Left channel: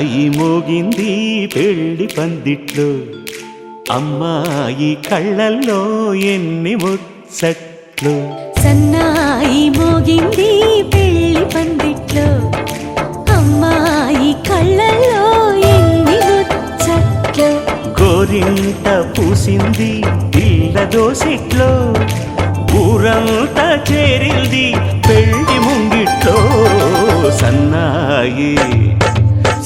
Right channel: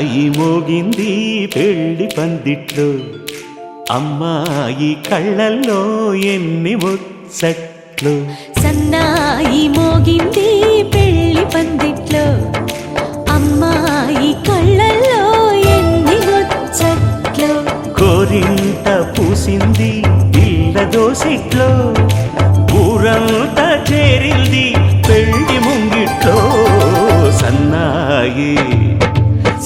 సన్నాయి మోగింది పెళ్లి పందిట్లో, అమ్మాయి కళ్ళల్లో ఎన్ని ముచ్చట్లు. సన్నాయి మోగింది పెళ్లి పందిట్లో, అమ్మాయి కళ్ళల్లో ఎన్ని ముచ్చట్లు. గోరింట పూసింది పిల్ల దోసిట్లో, ఊరంతా చేరింది పెళ్లి ముంగిట్లో. సన్నాయి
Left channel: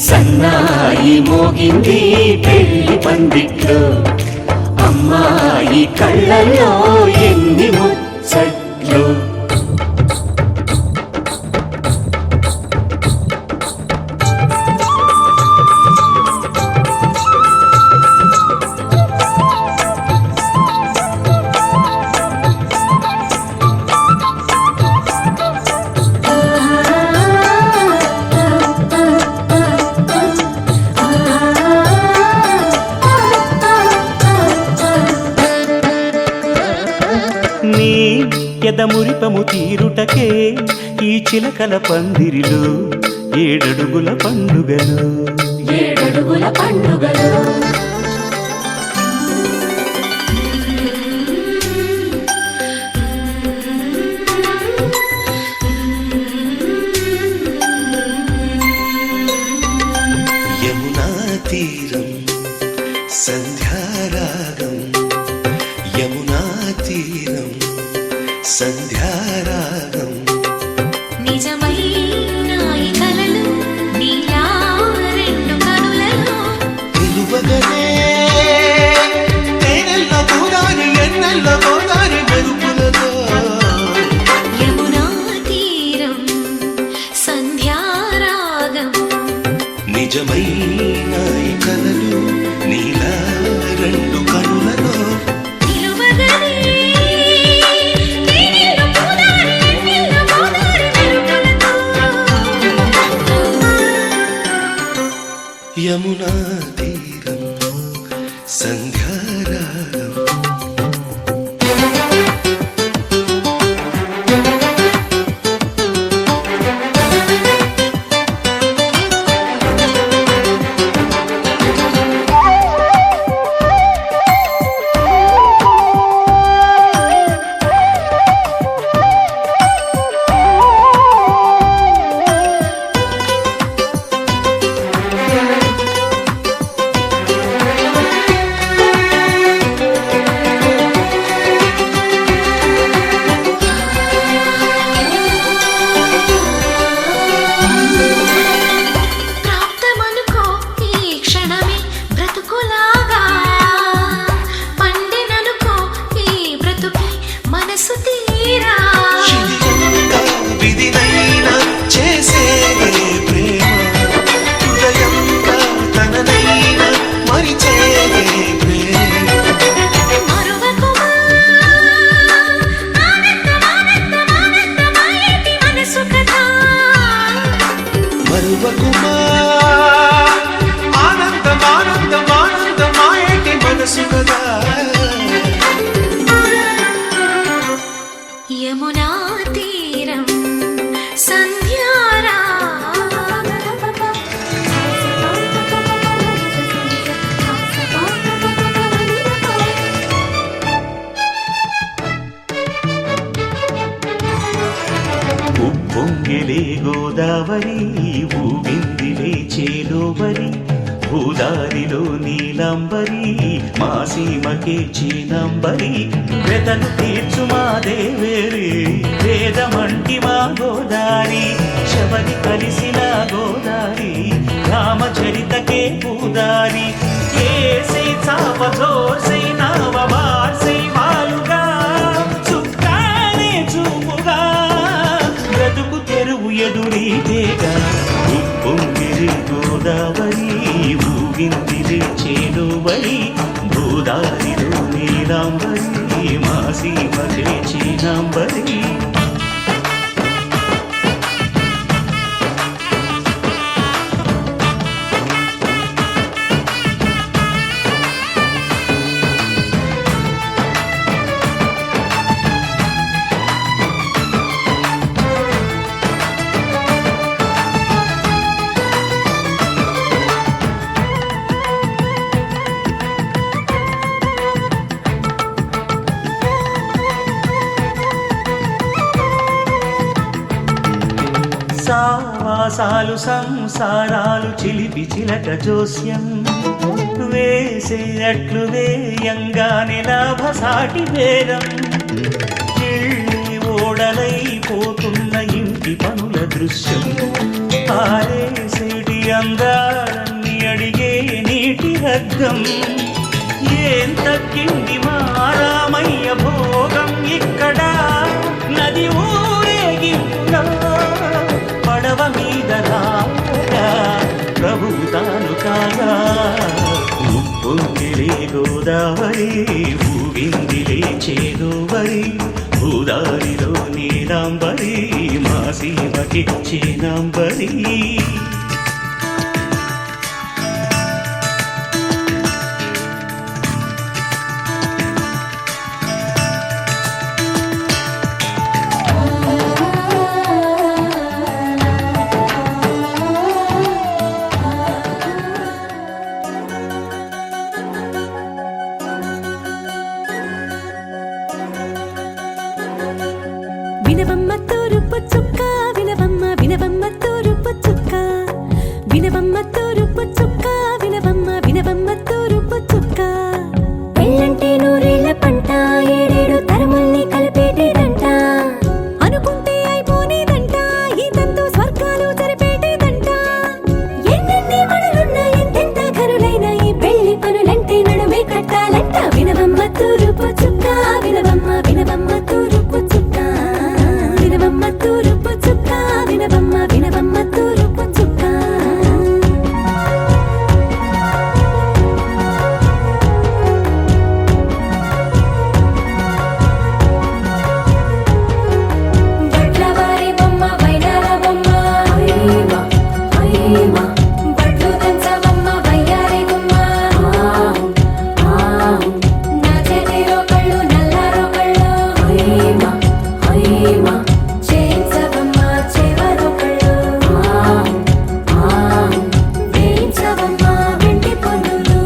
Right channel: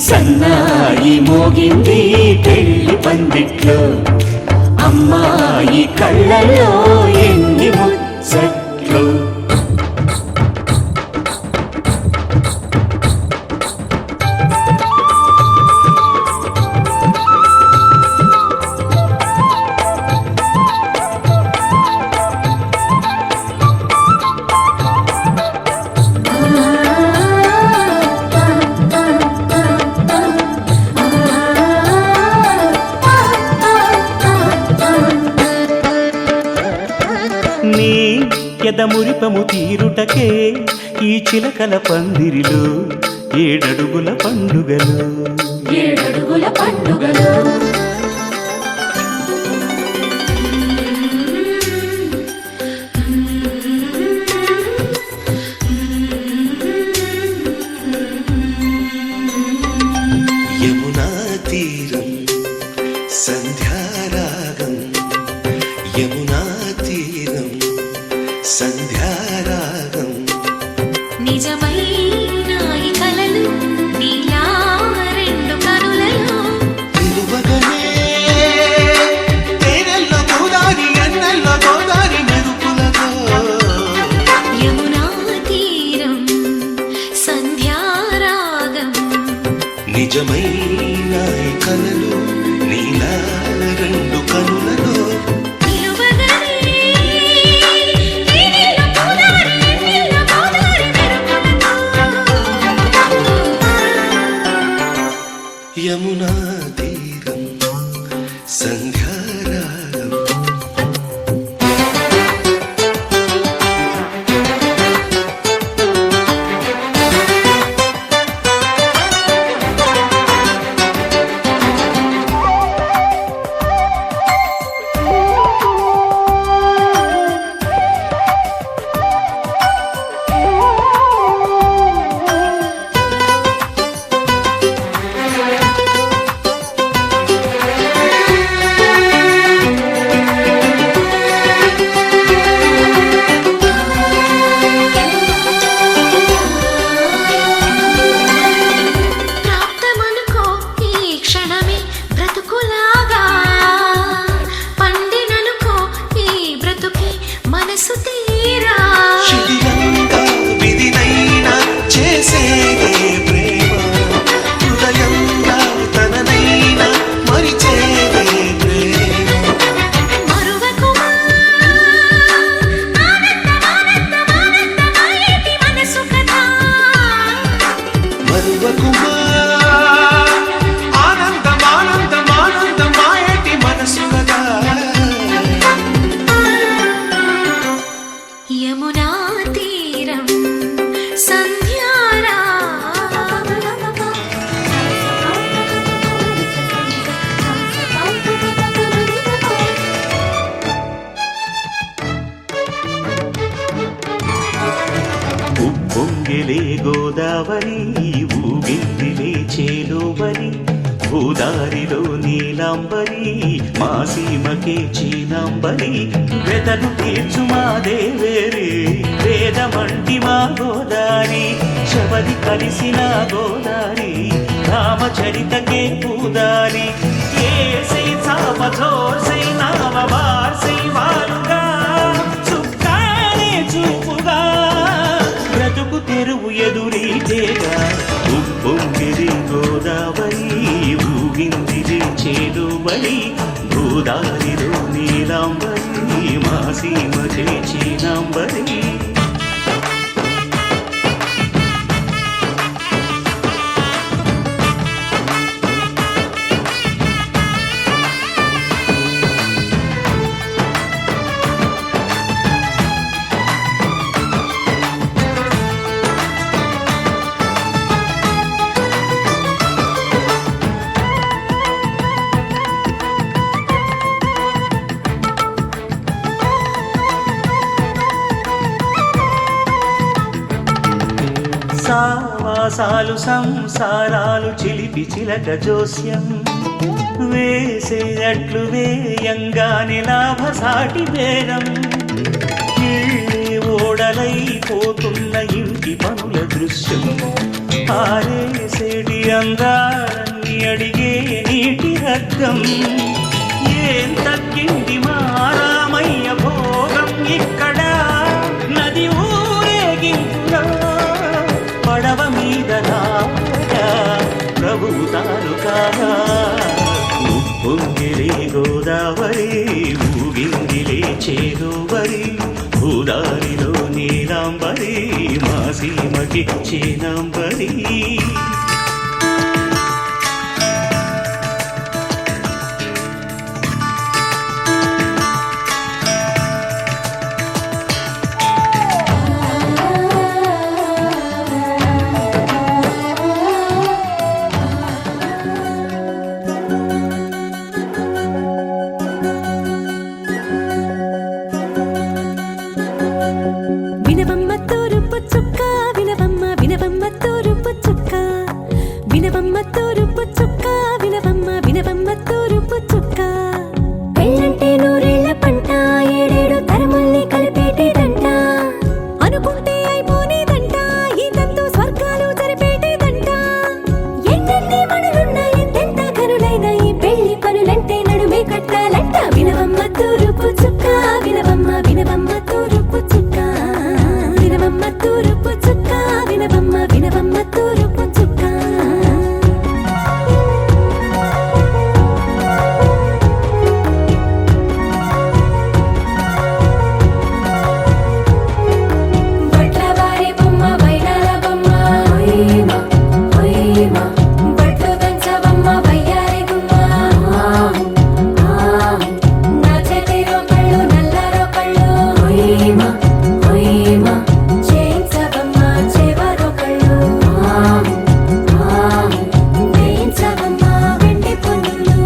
సన్నాయి మోగింది పెళ్లి పందిట్లో, అమ్మాయి కళ్ళల్లో ఎన్ని ముచ్చట్లు. నీ ఎదమురిపము తీరుటకే ఈ చిలకల పందిరిలో ఏడడుగుల పండుగలు. ఏడడుగుల పండుగలు. యమునా తీరం సంధ్యారాగం, యమునా తీరం సంధ్యారాగం. నిజమైన ఈ కలలు నీలా రెండు కనులలో, నిలువగనే తేనెల్లో గోదారి ఎన్నెల్లో గోదారి మెరుపులతో. యమునా తీరం సంధ్యారాగం. నిజమైన ఈ కలలు నీలా రెండు కనులలో, యమునా తీరం సంధ్యారాగం. శిథిలంగా విధినైనా చేసేదే ప్రేమ, హృదయంగా తననైనా మరిచేదే ప్రేమ. మరువకుమా ఆనందమానందమానందమాయేటి మనసు కథ, మరువకుమా ఆనందమానందమానందమాయేటి మనసు కదా. యమునా తీరం సంధ్యారాగం. ఉప్పొంగిలే గోదావరి ఊగిందిలే చేలోబరి, భూదారిలో నీలాంబరి మా సీమకే చీనాంబరి. వెతలు తీర్చు మా దేవేరి వేదమంటి మా గోదారి, శబరి కలిసిన గోదారి రామచరితకే పూదారి. ఏసై చాప జోర్సై నావ బార్సై వాలుగా, చుక్కానే చూపుగా బ్రతుకు తెరువు ఎదురీతేగా. ఉప్పొంగిరి గోదావరి ఊగిందిలే చేలువరి, భూదారిలో నీలాంబరి మా సీమకే చీనాంబరి. సావాసాలు సంసారాలు చిలిపి చిలక జోస్యం వేసే అట్లు వేయంగానే లాభసాటి బేరం ఇళ్ళే ఓడలైపోతున్న ఇంటి పనుల దృశ్యం ఆరేసేటి అందాలన్నీ అడిగే నీటి రగ్గం ఏం తగ్గింది మా రామయ్య భోగం ఇక్కడ నది ఊరేగింపులో పడవ మీద రాగా ప్రభువు తాను కాగా ఉప్పొంగిలే గోదావరి ఊగిందిలే చేదోవరి భూదారిలో నీలాంబరి మా సీమకి చేనాంబరి వినవమ్మ తూరుపు చుక్క వినవమ్మ వినవమ్మ తూరుపు చుక్క వినవమ్మ తూరుపు చుక్క వినవమ్మ వినవమ్మ తూరుపు చుక్క పెళ్ళంటే నూరేళ్ల పంట ఏడేడు తరముల్ని కలిపేటేదంట అనుకుంటే అయిపోనేదంట ఈ తంతు స్వర్గాలు జరిపేటేదంట ఎన్నెన్ని మనులున్న ఎంతెంత కనులైన ఈ పెళ్లి పనులంటే నడుమే కట్టాలంట వినవమ్మ తూరుపు చుక్క వినవమ్మ వినవమ్మ తూరుపు చుక్క వినవమ్మ తూరుపు చుక్క వినవమ్మ వినవమ్మ తూరుపు చుక్క బట్లవారి బొమ్మ వైరాల బొమ్మ హోయిమా హోయిమా బట్లు దంచవమ్మ వయ్యారి గుమ్మ నా చేతిలో కళ్ళు నల్లారో కళ్ళు హోయిమా హోయిమా చేయించవమ్మ చేవారో కళ్ళు వేయించవమ్మ వెండి పొన్నులు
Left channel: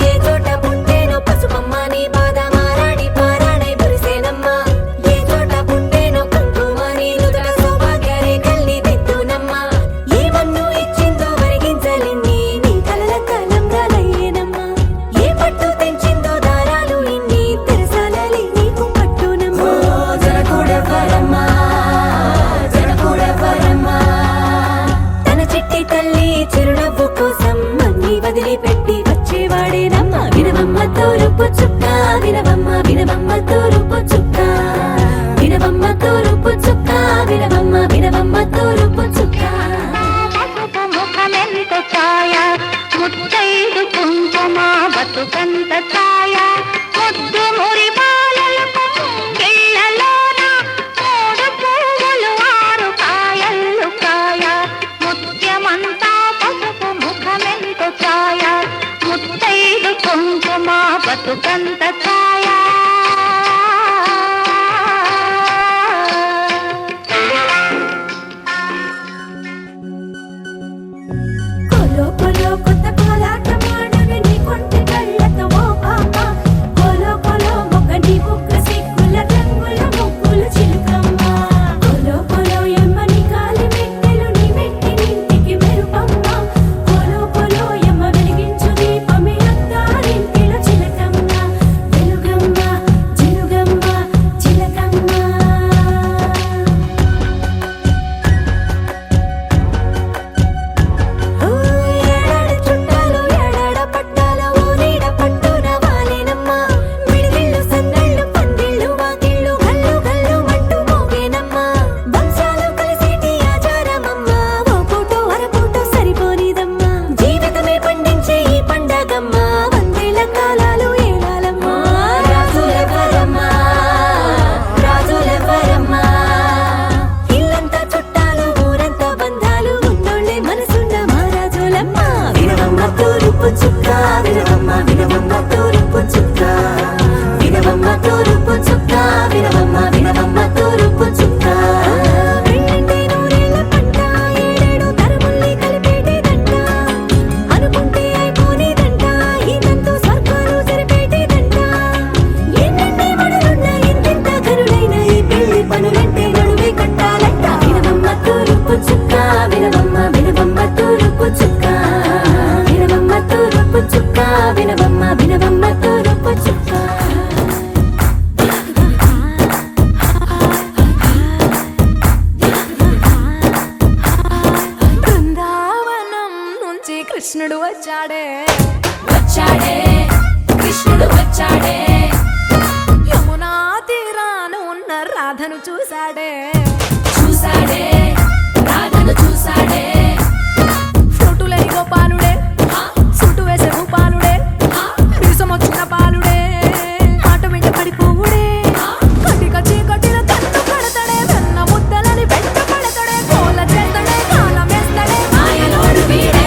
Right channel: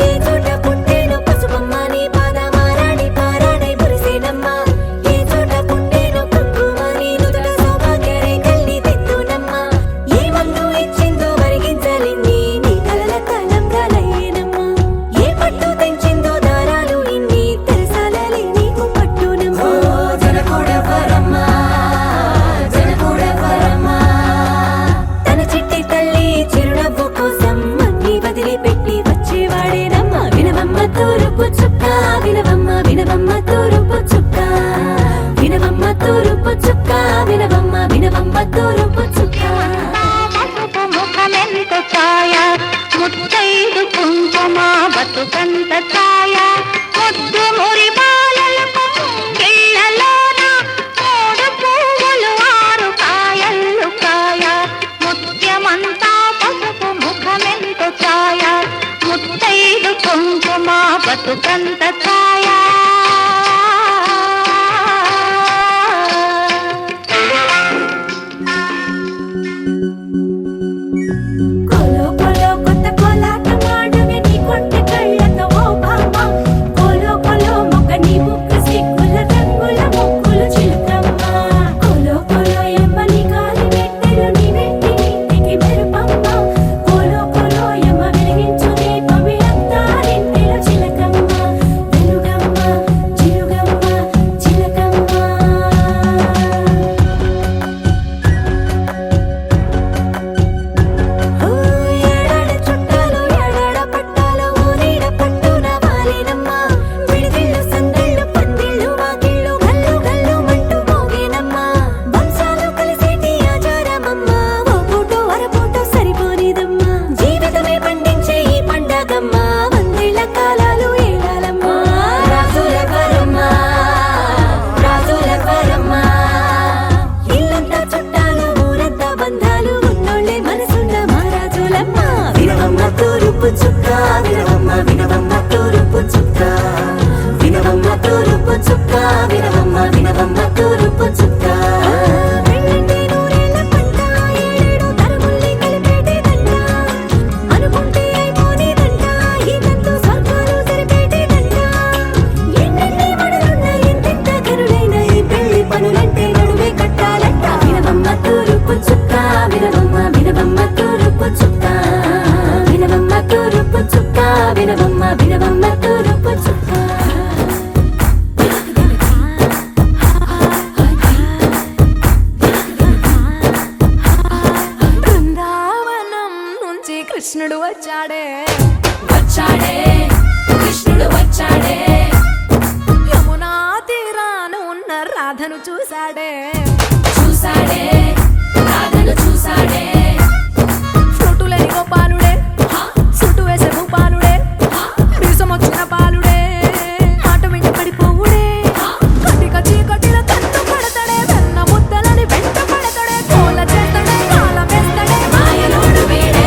ఏ చోట పుట్టేనో పసుపమ్మ నీ పాదమారాణి పారాణై మురిసేనమ్మ ఏ చోట పుట్టేనో కుంకుమ నీ నుదుట సౌభాగ్య రేఖల్ని దిద్దునమ్మ ఏ మన్ను ఇచ్చిందో వరిగించలిన్ని నీ కలల కలంగాలయ్యేనమ్మ ఏ పట్టు తెంచిందో దారాలు ఇన్ని తెరసాలలే నీకు పట్టునమ్మ జనకూడెవ్వరమ్మ జనకూడెవ్వరమ్మ తన చిట్టి తల్లి చిరునవ్వు కోసం అన్ని వదిలిపెట్టి వచ్చేవాడేనమ్మ వినవమ్మ తూరుపు చుక్క వినవమ్మ వినవమ్మ తూరుపు చుక్క వినవమ్మ తూరుపు చుక్క వినవమ్మ వినవమ్మ తూరుపు చుక్క పసుపు ముఖమెంత ఛాయ ముత్తైదు కుంకుమ బతుకంత ఛాయ ముద్దు మురి బాలలకు గిళ్ళలోన మూడు పువ్వులు ఆరు కాయలు కాయ ముత్యమంతా పసుపు ముఖమెంత ఛాయ ముత్తైదు కుంకుమ బతుకంత ఛాయ కోలో కోలో కొత్త కోలాటం ఆడుగ నీ కొంటె కళ్ళతో ఓ బామ్మ కోలో కోలో మొక్క నీ ముక్క సిగ్గుల రంగుల ముక్కులు చిలకమ్మ కోలో కోలో ఎమ్మ నీ కాలి మెట్టెలు నీ వెంటి ఇంటికి మెరుపమ్మ కోలో కోలో ఎమ్మ వెలిగించు దీపమి అత్తారింటిలో చిలకమ్మ వెలుగమ్మ చిలుగమ్మ చిలకమ్మ ఏడాడ చుట్టాలు ఏడాడ పట్టాలు ఊరీడ పట్టున వాలేనమ్మ విడిదిళ్ళు సందళ్ళు పందిళ్ళు వాకిళ్ళు గల్లు గల్లు మంటూ మోగేనమ్మ వంశాలు కలిసేటి ఆచారమమ్మ ఓ పూటో అరపూటో సరిపోనిదమ్మ జీవితమే పండించే ఈ పండగమ్మ వందేళ్ల కాలాలు ఏలాలమ్మ రాజులెవ్వరమ్మ రాజులెవ్వరమ్మ ఇల్లంతా చుట్టాలు ఊరంతా బంధాలు ఉన్నోళ్ళే మనసున్న మహారాజులమ్మ వినవమ్మ తూరుపు చుక్క వినవమ్మ వినవమ్మ తూరుపు చుక్క వినవమ్మ తూరుపు చుక్క వినవమ్మ వినవమ్మ తూరుపు చుక్క పెళ్ళంటే నూరేళ్ల పంట ఏడేడు తరముల్ని కలిపేటేదంట అనుకుంటే అయిపోనేదంట ఈ తంతు స్వర్గాలు జరిపేటేదంట వచ్చాడే వచ్చాడే కృష్ణుడు వచ్చాడే యమునా తీరాన ఉన్న రాధను చూశాడే చూశాడే రాధను చూశాడే ఫ్లూటులేని గోపాలుడే సుటు వేసే భూపాలుడే మీసమొచ్చిన పాలుడే మాట వెంట పడిపోవుడే కటిక చీకటిలో కన్ను కడతాడే వెన్న ముద్దలని వెంట పడతాడే కోల చేస్తాడే కాలం వేస్తాడే మాయలోడు వీడే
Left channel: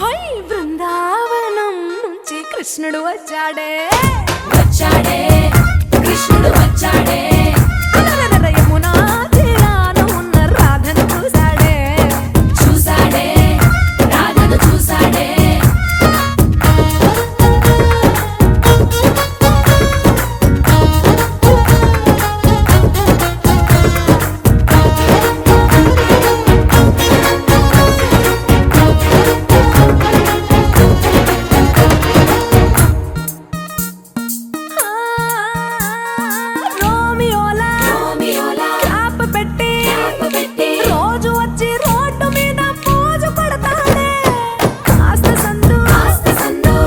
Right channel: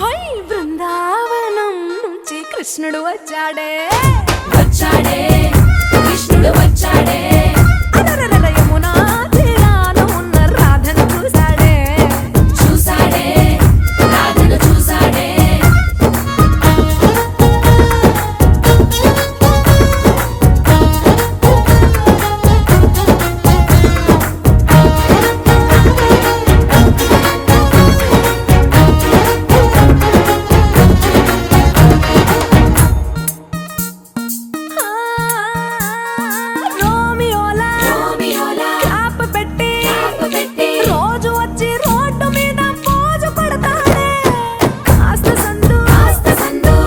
హై బృందావనం నుంచి కృష్ణుడు వచ్చాడే వచ్చాడే కృష్ణుడు వచ్చాడే అలరర యమునా తీరాన ఉన్న రాధను చూశాడే చూశాడే రాధను చూశాడే రోమియోలా క్యాప్ పెట్టి రోజు వచ్చి రోడ్డు మీద పోజు కొడతాడే కాస్త సందు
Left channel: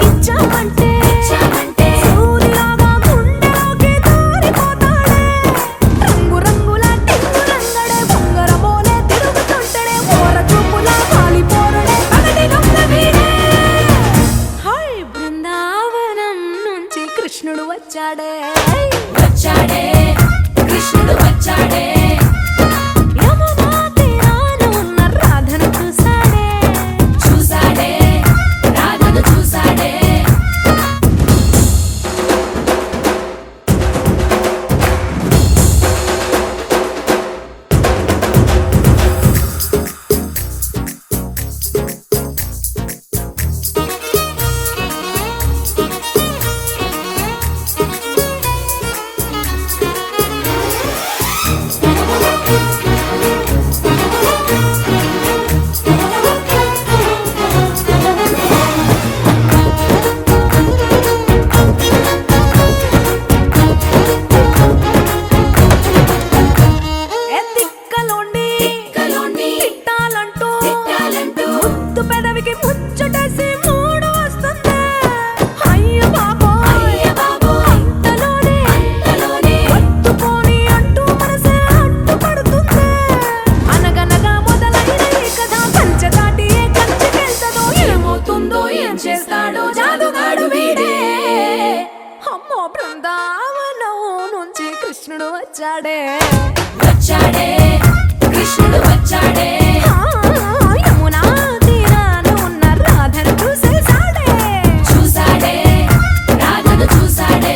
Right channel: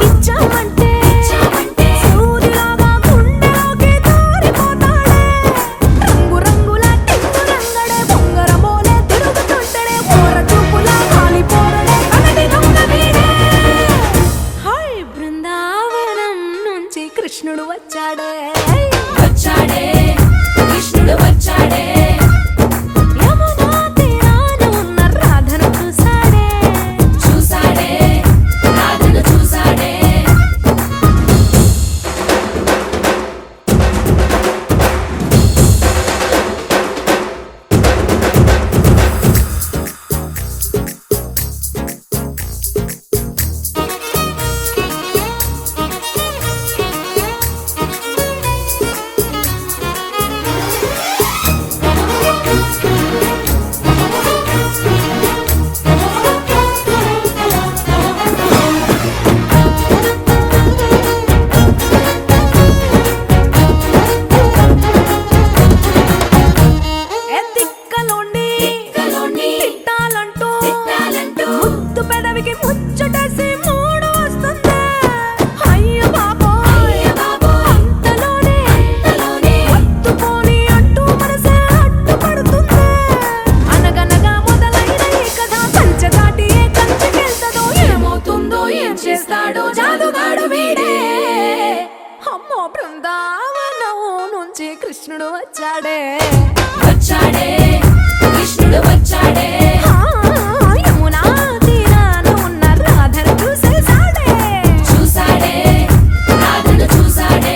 ఇచ్చామంటే సూదిలాగా గుండెలోకి దూరిపోతాడే రంగు రంగుల టింగు రంగడే బొంగరమోలే తిరుగుతుంటాడే పోర చూపులా గాలి పోరడే పగటి దొంగ వీడే హై బృందావనం నుంచి కృష్ణుడు వచ్చాడే వచ్చాడే కృష్ణుడు వచ్చాడే యమునా తీరాన ఉన్న రాధను చూశాడే చూశాడే రాధను చూశాడే ఎత్తిక్కలోండి తిట్టాలంటూ ముద్దు పెదవికి ముచ్చటేసి మూడు వస్తుంది అయ్య బాబోయ్ అంతలోనే వత్తుకోని అంటూ మనసే అడ్డుపడుతుంది అనగనగా మొదలైన ఈ కథ కంచె దాటి ఏ కంచెకెళ్తదో ఏమవుతుందో ఏం చేస్తాడో జాదుగాడు వీడే అమ్మో బృందావనం నుంచి కృష్ణుడు వచ్చాడే వచ్చాడే కృష్ణుడు వచ్చాడే యమునా తీరాన ఉన్న రాధను చూసేశాడే చూశాడే రాధను చూశాడే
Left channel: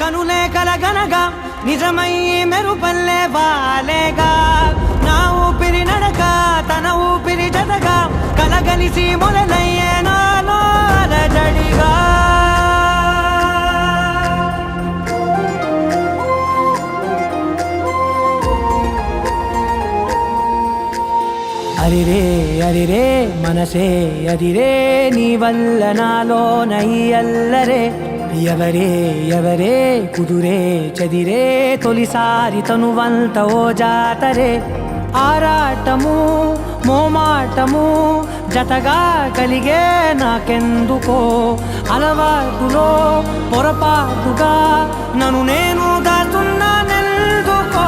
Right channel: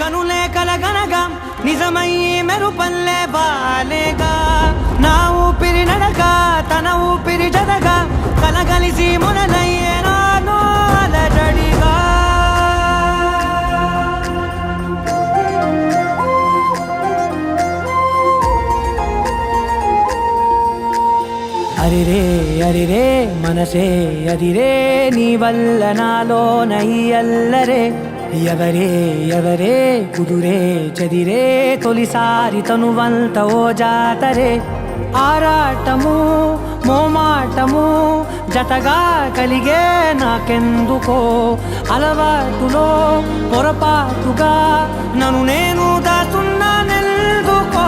కనులే కలగనగా నిజమై మెరుపల్లే వాలేగా నా ఊపిరి నడక తన ఊపిరి జతగా కలగలిసి మొదలయ్యేనో అలజడిగా అరిరే అరిరే మనసే అరిరే నీ వల్ల నాలో నయ్యల్లరే ఎవరే ఎవరే కుదురే చదిరే తొలిసారి తనువంత ఓ జాతరే ఆరాటము మోమాటము జతగా కలిగే నాకెందుకో అలవాటులో పొరపాటుగా నన్ను నేను దాస్తున్నానెందుకో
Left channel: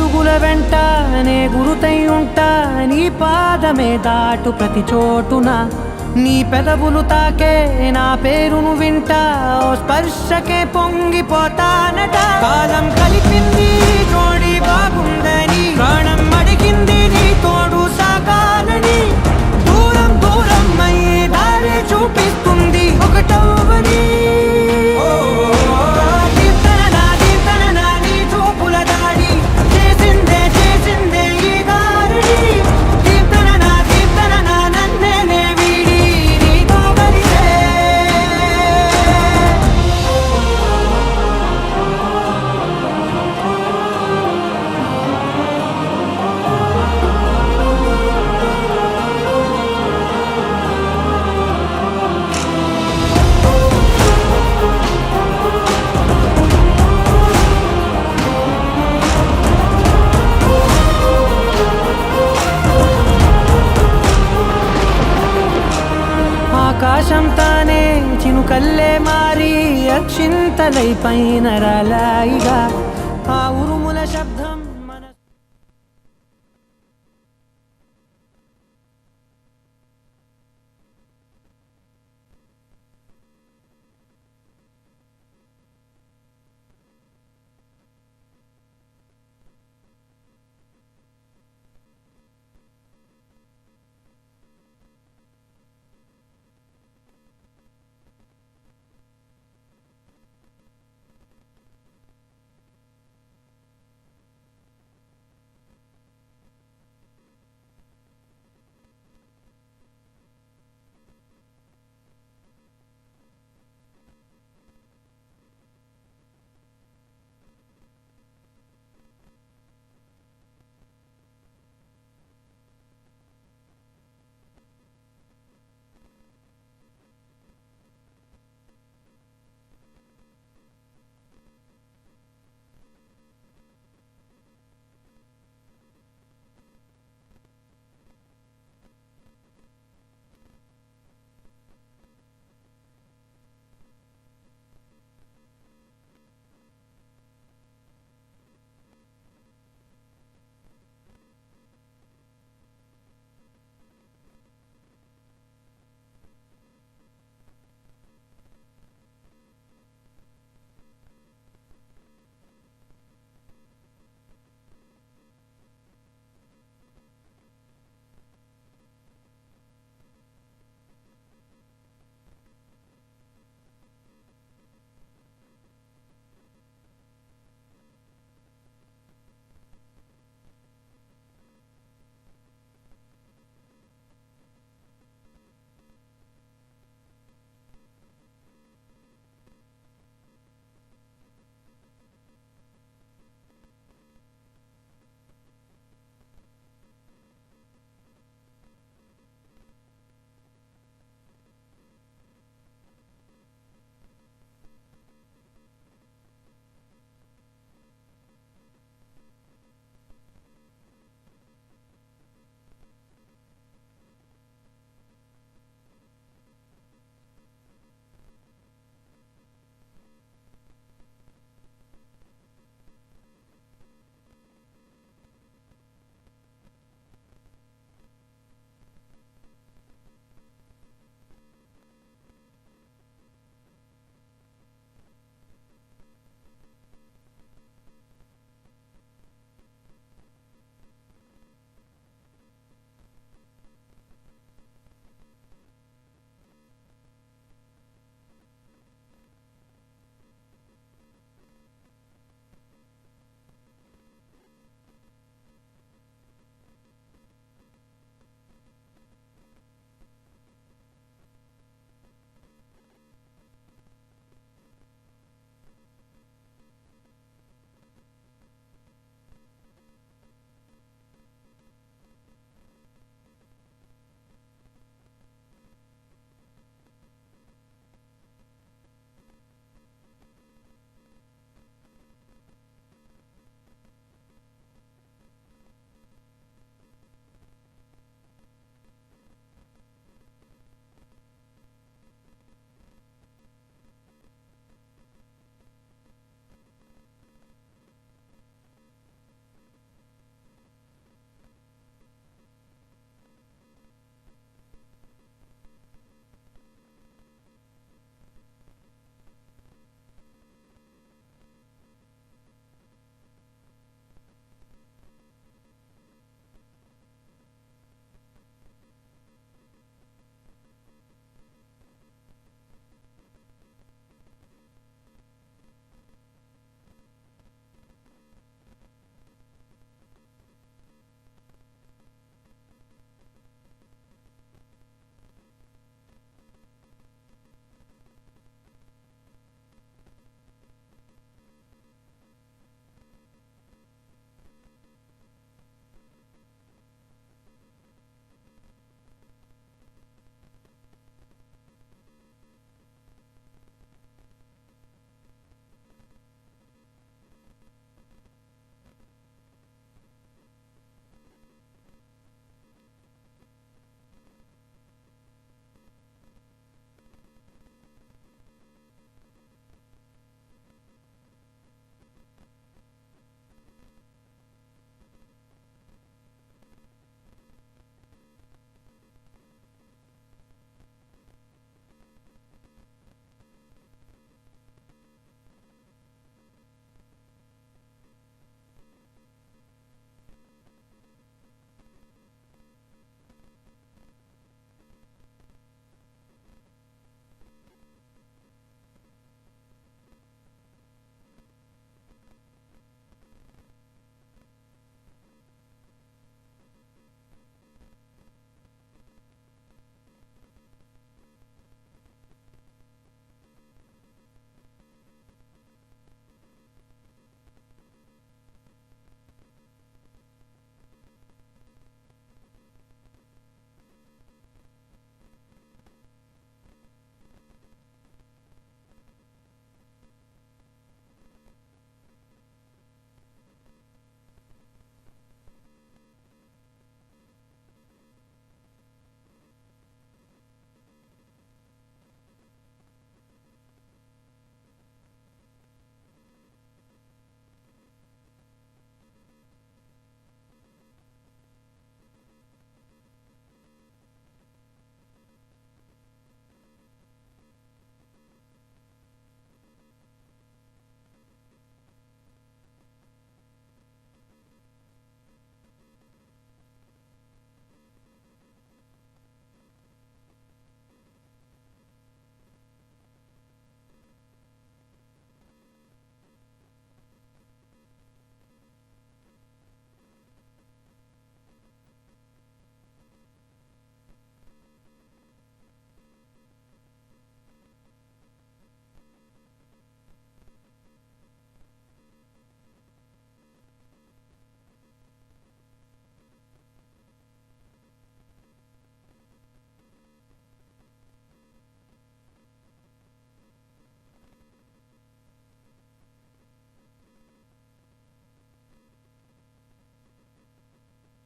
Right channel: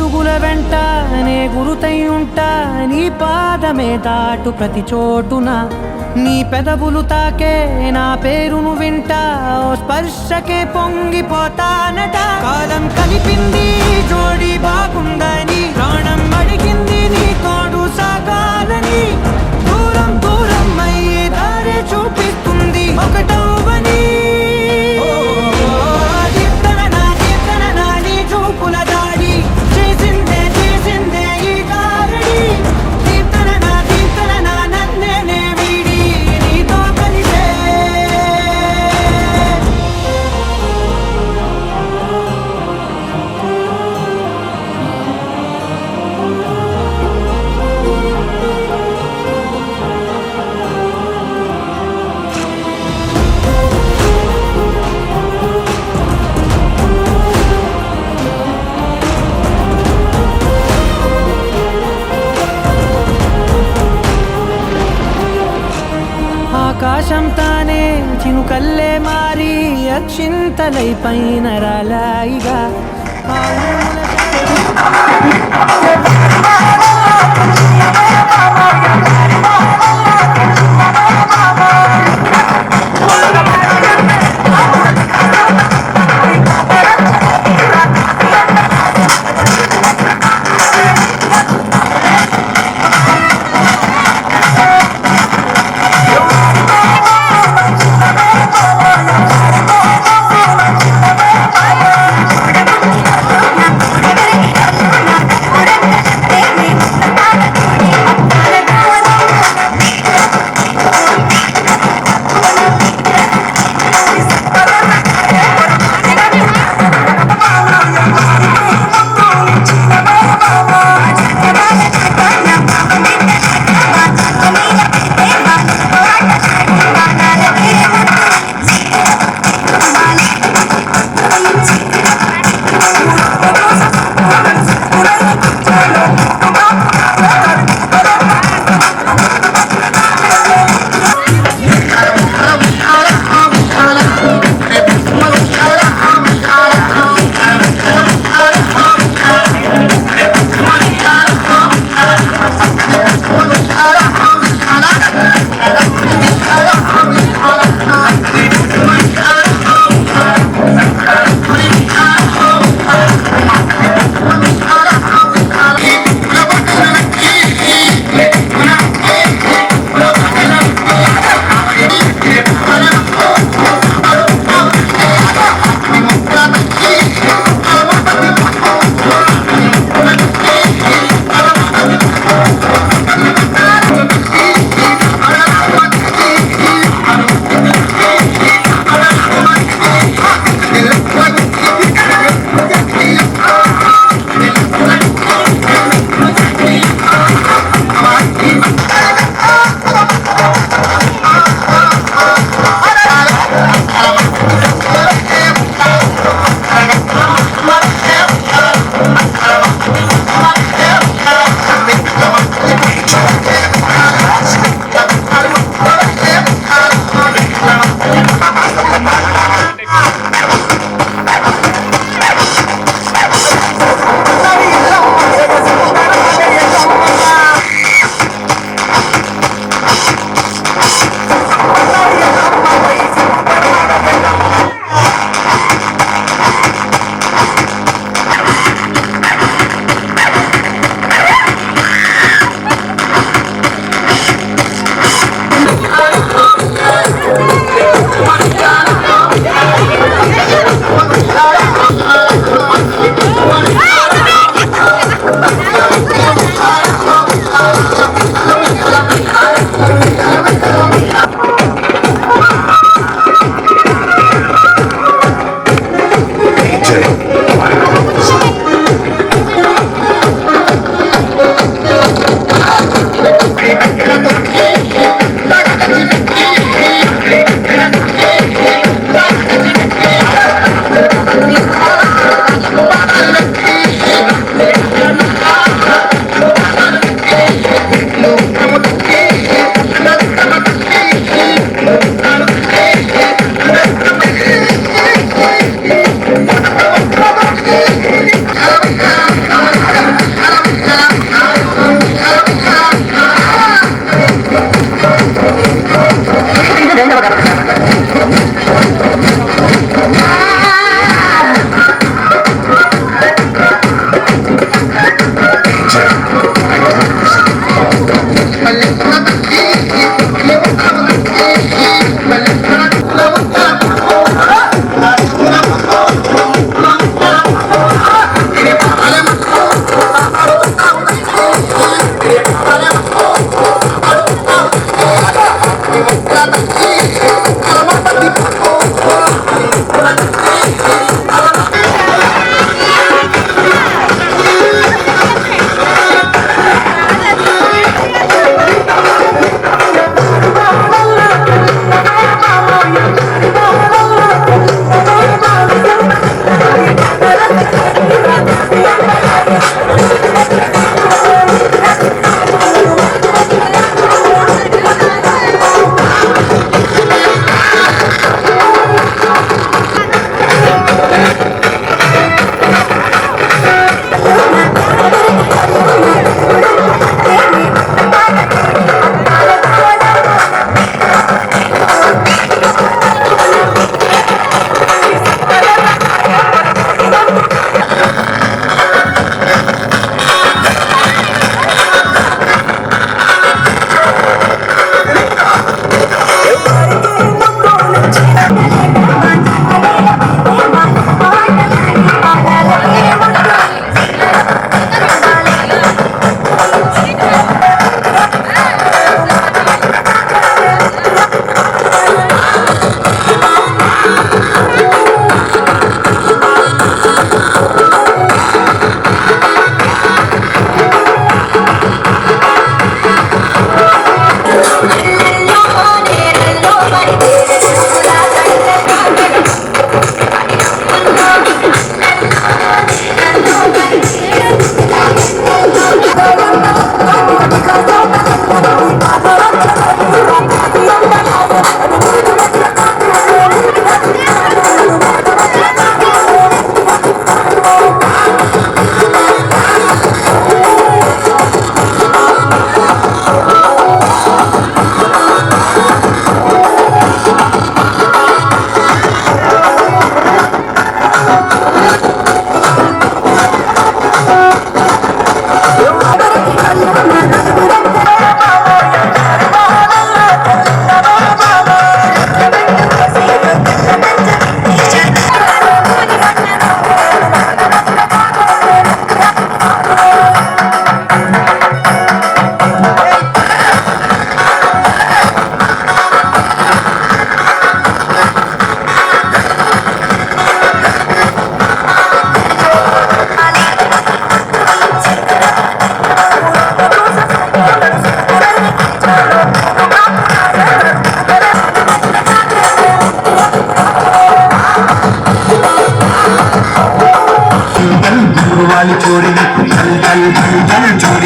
అడుగుల వెంట నే గురుతై ఉంటా, నీ పాదమే దాటు ప్రతి చోటున, నీ పెదవులు తాకే నా పేరును వింటా, ఓ స్పర్శకే పొంగిపోతానట. కాలం కలిపింది జోడి బాగుందని, ప్రాణం అడిగింది నీ తోడు సాగాలని, దూరం దూరం అయ్యే దారి చూపిస్తుంది ఒకటవని. నీ చూపుల దాడి చేసిందే చేసిందే ఈ గారడి, దీప్తన నన్నే వీడి నీతో కలిసే. ఆకాశం తానే చినుకల్లే మారి అక్షింతలై పైన రాలాయిగా, ఆ ఉరుముల శబ్దం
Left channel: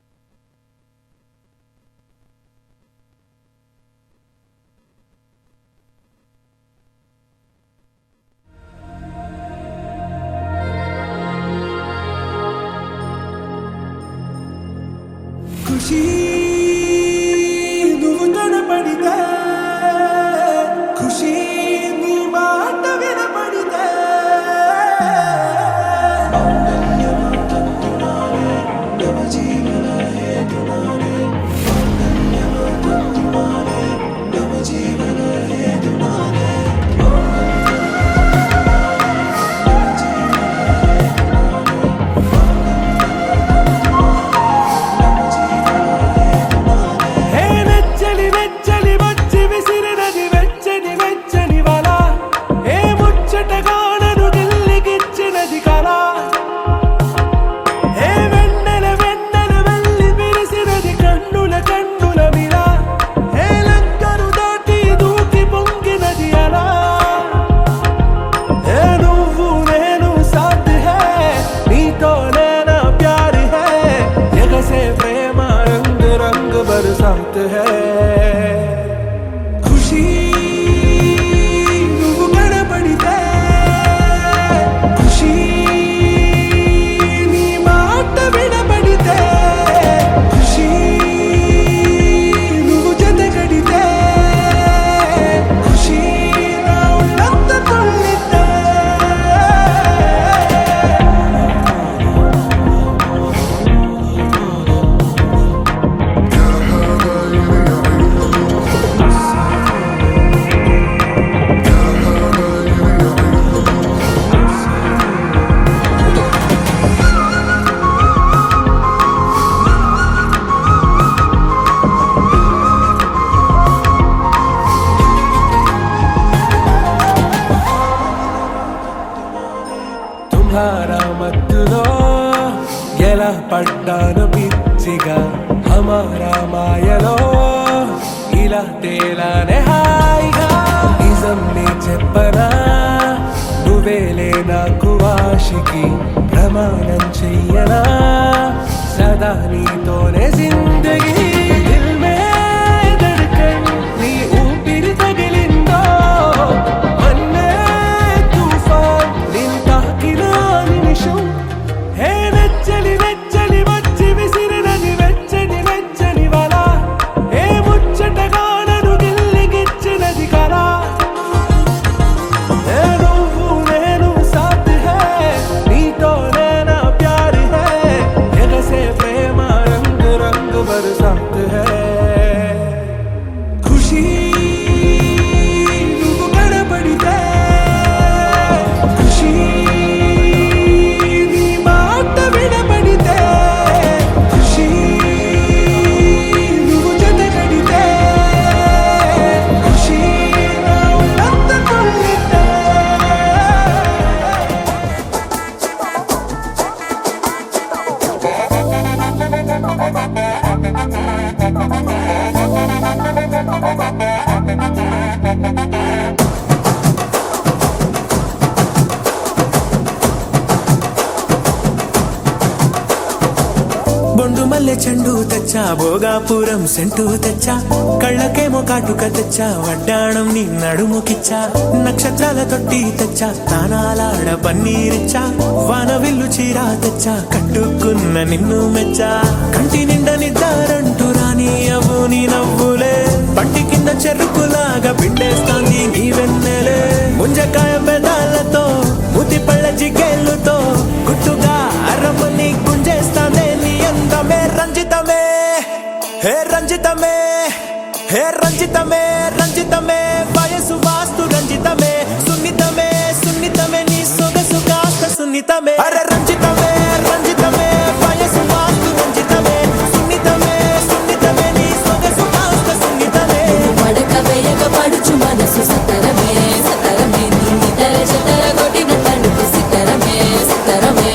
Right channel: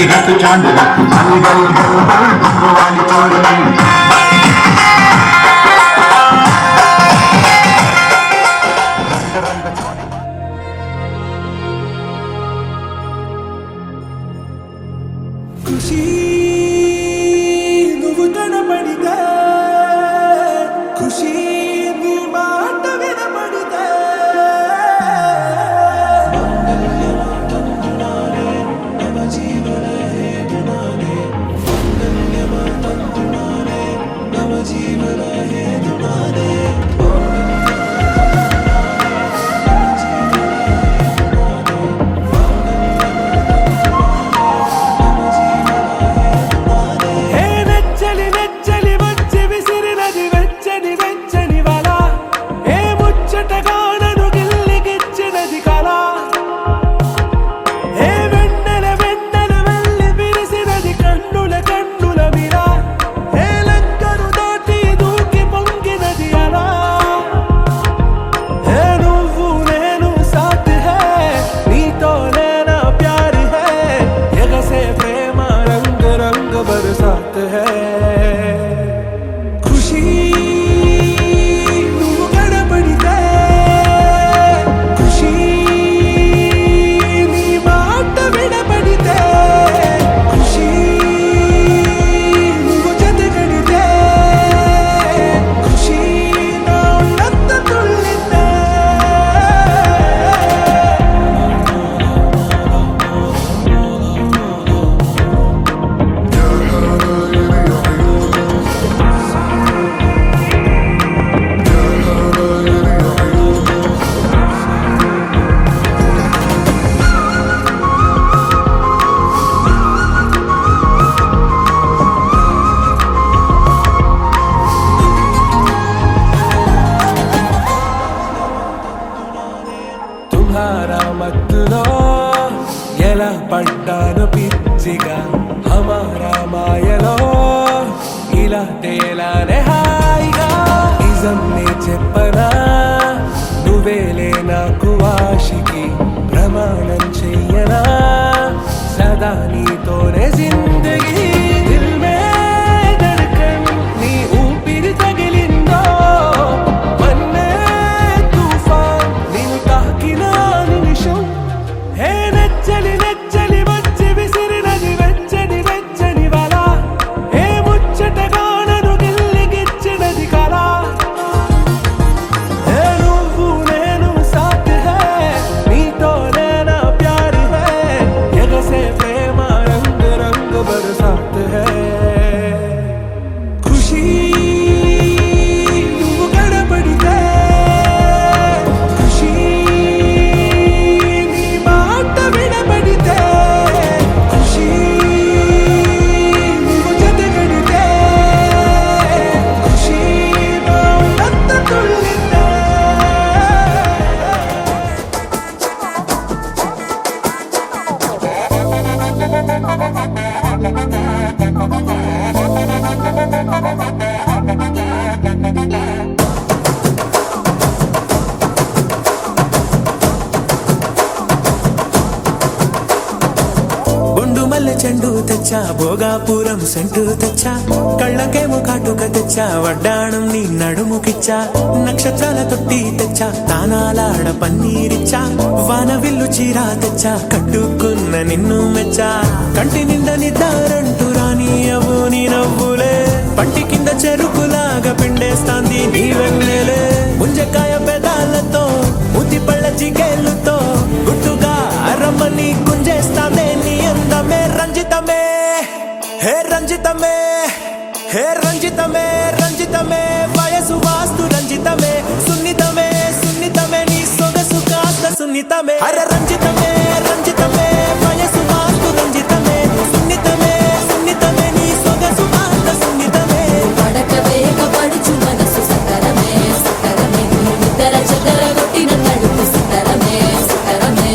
है तो चांद मानी गई वाली चोरी ఖుషి నువ్వు కనపడితే ఖుషి నీ మాట వినపడితే నెచ్చలి నెచ్చలి వచ్చి విసిరినది వెచ్చని వెచ్చని వల ఏ ముచ్చటగానను గిల్లిగిచ్చినది కళ ఏ వెన్నెల వెన్నెల వెళ్ళి విరిసినది కన్నుల కన్నుల మిల ఏ లంకను దాటి దూకి పొంగినది అలా ఏ నువ్వు నేను సాథ్ హై నీతోనే నా ప్యార్ హై ఎగసే ప్రేమ రంగ్ రంగ్ బరసాత్ హై ఖుషి నువ్వు కనపడితే ఖుషి నీ మాట వినపడితే ఖుషి నువ్వు జతగడితే ఖుషి నా ఒళ్ళంత తుళ్ళితే يا حبايبي يا عيوني يا حبايبي يا عيوني తుమ్హారా మత్తులో ఎలా పడ్డాను పిచ్చిగా హమారా మాయలో ఇలా తేలానే హాయిగా నిజం నే చెప్పనా నువ్వేలే నాకు ఆశికి ప్రమాణం చెయ్యనా సదా నీతోనే జిందగీ దిల్ మే ధడ్కన్ నీ ఊపిరి తగిలిందో మన్నే తుఫాన్ నేను తాకిన నిమిషం హే నెచ్చలి నెచ్చలి వచ్చి విసిరినది వెచ్చని వెచ్చని వల ఏ ముచ్చటగానను గిల్లిగిచ్చినది కళ ఏ నువ్వు నేను సాథ్ హై నీతోనే నా ప్యార్ హై ఎగసే ప్రేమ రంగ్ రంగ్ బరసాత్ హై ఖుషి నువ్వు కనపడితే ఖుషి నీ మాట వినపడితే ఖుషి నువ్వు జతగడితే ఖుషి నా ఒళ్ళంత తుళ్ళితే బొండు మల్లె చెండు తెచ్చా భోగాపురం సెంటు తెచ్చా కళ్ళకేమో కాటుక తెచ్చా వడ్డాణం నీ నడుముకిచ్చా నక్షత్రాల తొట్టి తెచ్చా తానాలాడ పన్నీరిచ్చా వాన విల్లు చీరా తెచ్చా కట్టుకున్న నిన్ను మెచ్చా కంటి నిండ నిద్దారంటూ రాని అవ్వు నీ నవ్వులే పట్టి కింద చెరుకులాగా పిండేస్తోంది నీ వెన్నెలే ముంజకాయ పెదాలతో ముద్ది పళ్ళ చిగేళ్ళతో గుట్టుగా అరమని గుంజేస్తానే నీ అందమే రంజితమే హే రంజితమే హే రంజితమే రంజితమే వయసు వాస్తు రంజితమే సున్నితమే సున్నితమే నీ సొగసు కాస్త సున్నితమే అరే రంజితమే రంజితమే వయసు వాస్తు రంజితమే సున్నితమే సున్నితమే నీ సొగసు కాస్త సున్నితమే పడక వేయక పడుచు మనసు సతరమే సతరమే ఇతర చెదర కొట్టిన తలుపు సితరమే సితరమే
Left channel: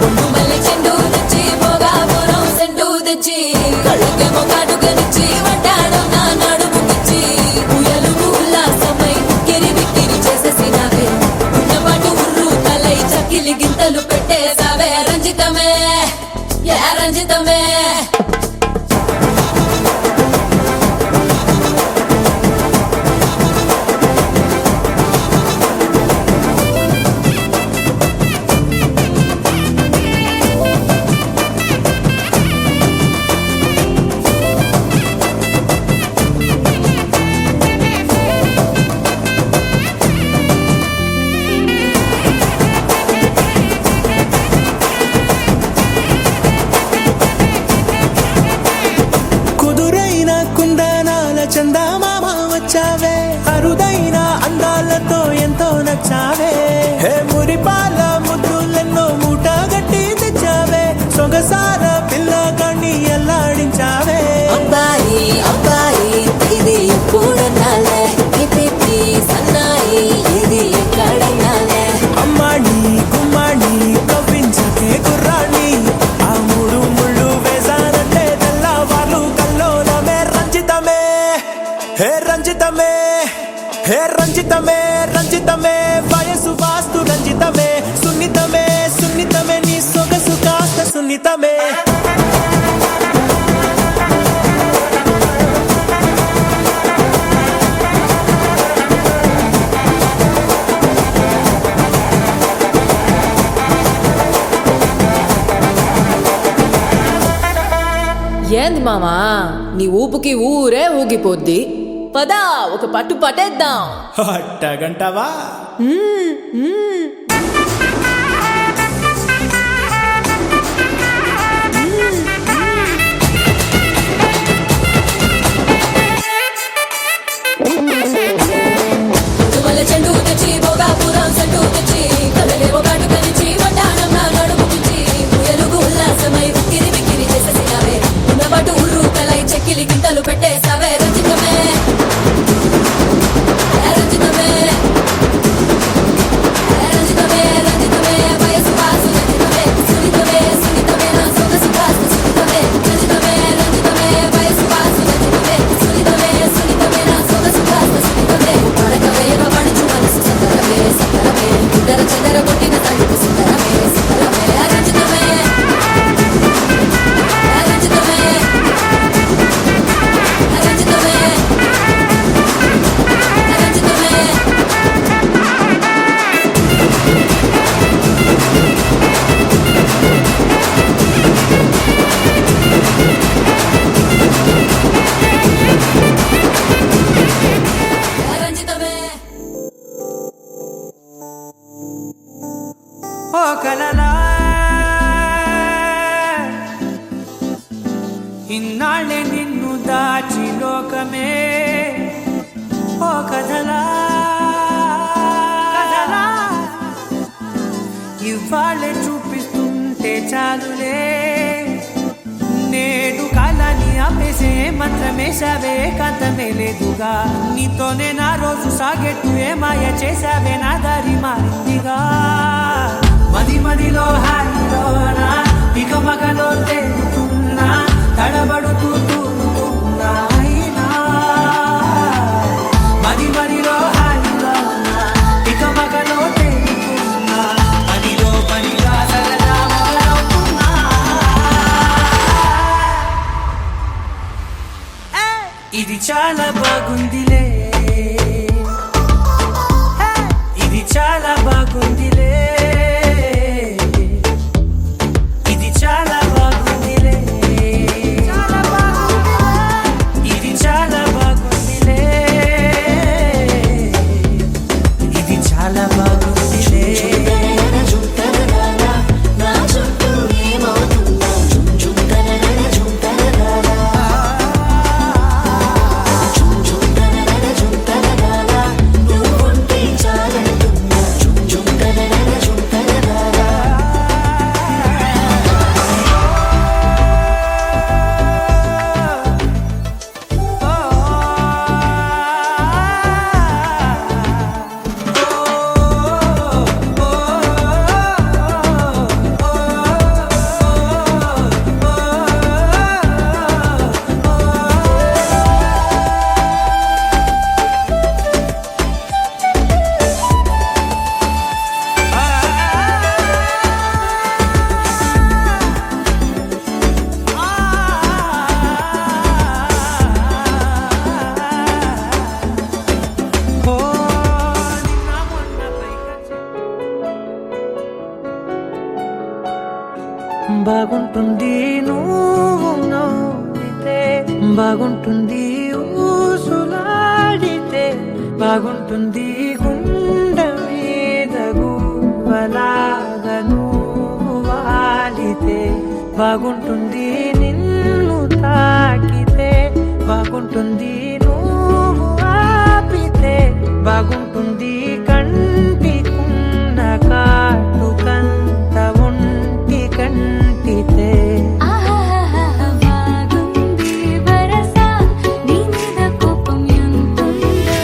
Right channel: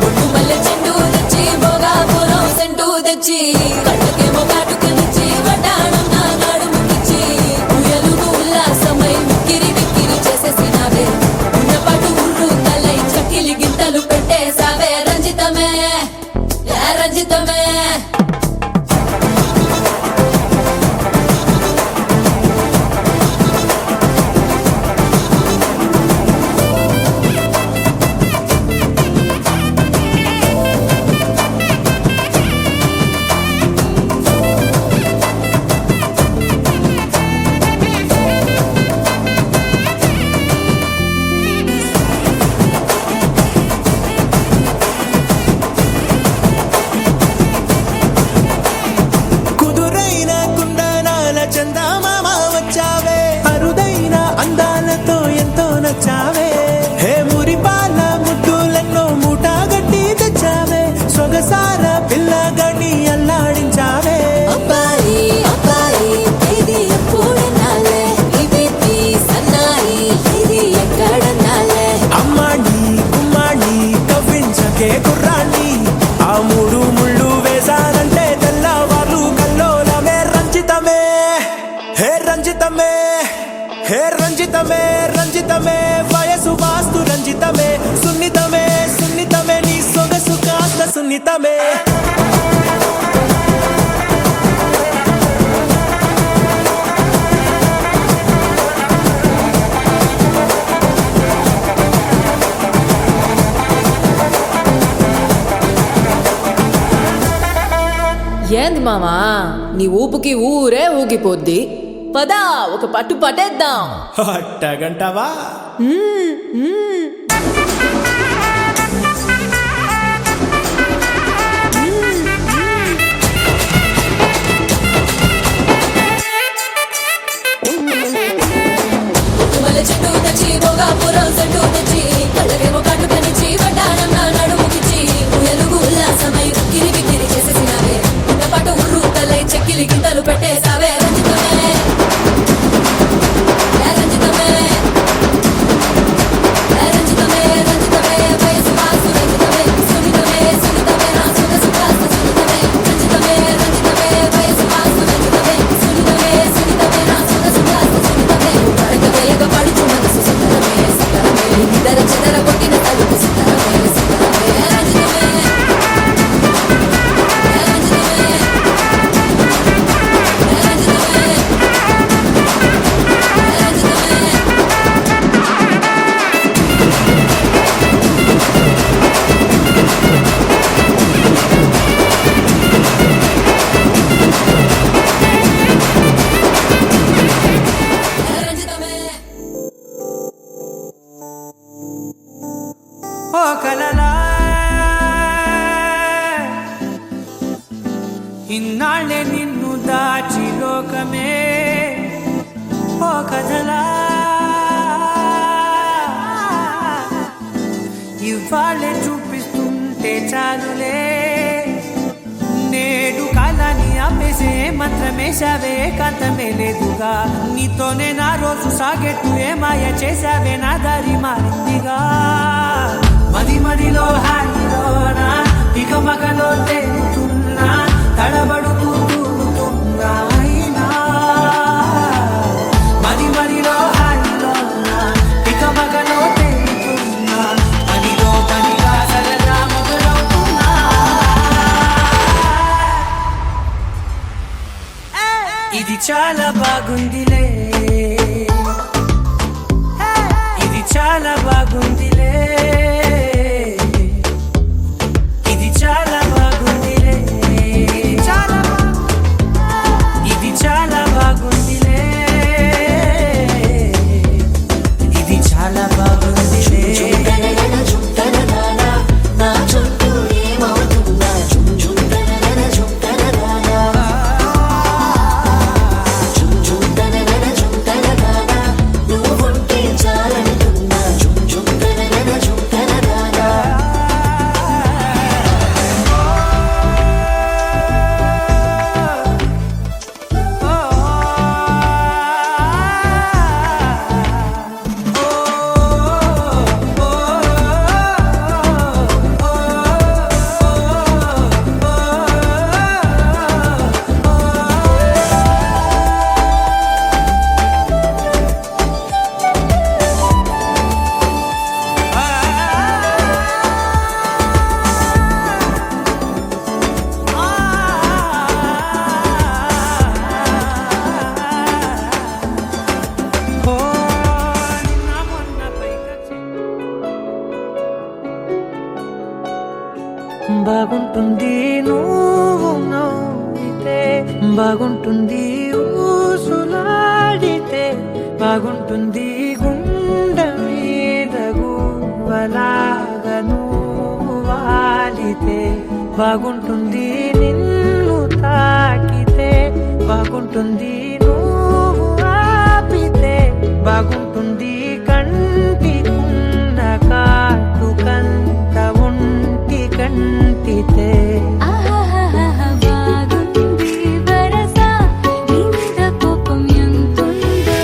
బొట్టు మల్లె చెండు తెచ్చి భోగాపురం సెంటు తెచ్చి కళ్ళకేమో కాటుకనిచ్చి వడ్డాణం నా నడుముకిచ్చి ఉయ్యలు ఉల్లాసమై కిరి బిక్కిరి చేసేసినావే ఉన్నపాటు ఉర్రు తలై చక్కిలి గింతలు పెట్టేసావే ఏంది మామా నీ ఊపుకి ఊరే ఊగిపోద్ది. పదా ఒక పట్టు పట్టేద్దాం. అట్టగంటవా? మల్లె చెండు తెచ్చి భోగాపురం చెట్టు తెచ్చి కళ్ళకేమో కట్టు కనిచి వడ్డానం నా నడుము తెచ్చి ఎలుగు ఉల్లాసమై ఉక్కిరి బిక్కిరి చేసేసినావే. ఉన్న పట్టు ఉర్రు కలై చెక్కిలి గింతలు పెట్టేసావే. రంజితమే రంజితమే రంజితమే రంజితమే వయసు వాసు రంజితమే సునితమే సునితమే నా సుఖ సుఖాస్త సునితమే రంజితమే రంజితమే వయసు వాసు రంజితమే సునితమే సునితమే నా సుఖ సుఖాస్త సునితమే పడకవేయక పడుచు మనసు సుందరమే సుందరమే ఇద్దర చిదర కొట్టిన తలుపు సుందరమే సుందరమే రంజితమే రంజితమే ఓ కలలా ఇన్నాళ్ళే నిన్ను దాచి లోకమే ఓ కథలా ఇవాళ్ళే చూపిస్తుంటే చాలులే నేడు కాలాన్ని ఆపేసే మంత్రమేసావే కాంతమే లేదుగా నీతోనే నా రోజు సాగెట్టు ఏ మాయ చేసావే నా దారి మారిందిగా మది మదిలో హాయిలోనా ఇక మగలో తేలుతున్నా తడబడుతూ తూలుతున్నా అయినా మది మదిలో హాయిలోనా ఇక మగలో తేలుతున్నా పనిలో పనిగా సరదా మొదలవుతున్నా ఇది చాలా బాగుందిలే ఇది చాలా బాగుందిలే ఇది చాలా బాగుందిలే చాలా బాగుంది ఇది చాలా బాగుందిలే ఇది చాలా బాగుందిలే బాగుంటుంది నువ్వు నవ్వితే బాగుంటుంది ఊసులాడితే బాగుంటుంది గుండె మీద గువ్వలాగా నువ్వు వాలితే బాగుంటుంది నిన్ను తాకితే బాగుంటుంది నువ్వు ఆపితే బాగుంటుంది కంటికున్న కాటుకంత ఒంటి కంటితే బాగుంది వరస నీ మీద కోపం ఎంతుందే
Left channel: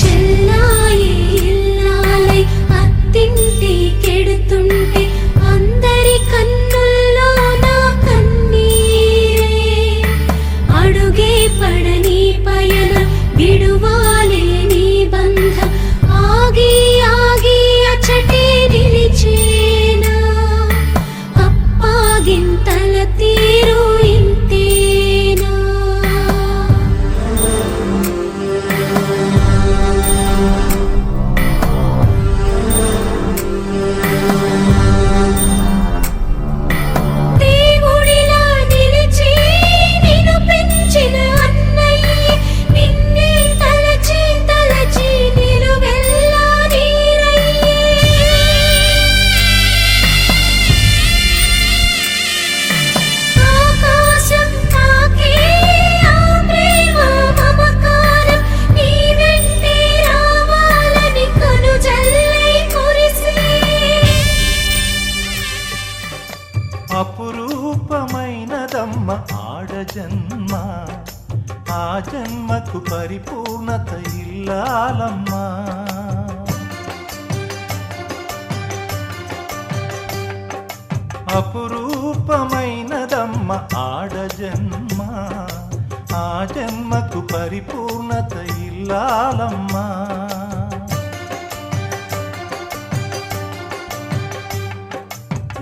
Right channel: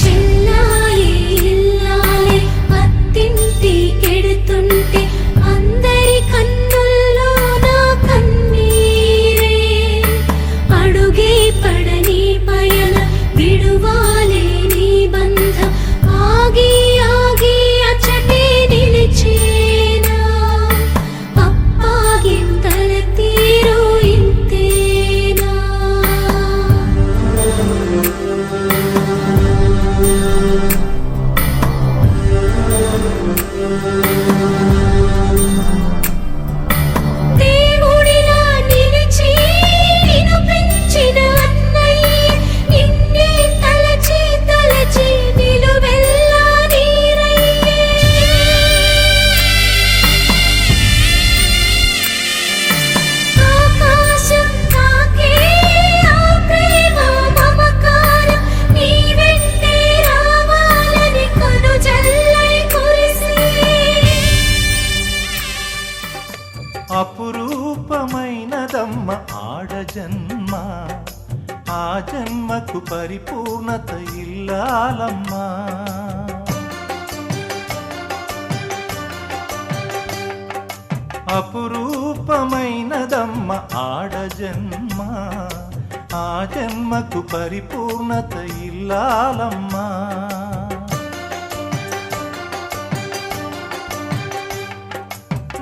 చెల్లాయి ఇల్లాలి అత్తింటి కెడుతుంటే అందరి కన్నుల్లో నా కన్నీరే అడుగే పడని పయన విడువాలే నీ బంధ జన్మ ఆ జన్మకు పరిపూర్ణత ఇల్లాలమ్మా అపురూపమైనదమ్మ ఆడ జన్మ ఆ జన్మకు పరిపూర్ణత ఇల్లాలమ్మా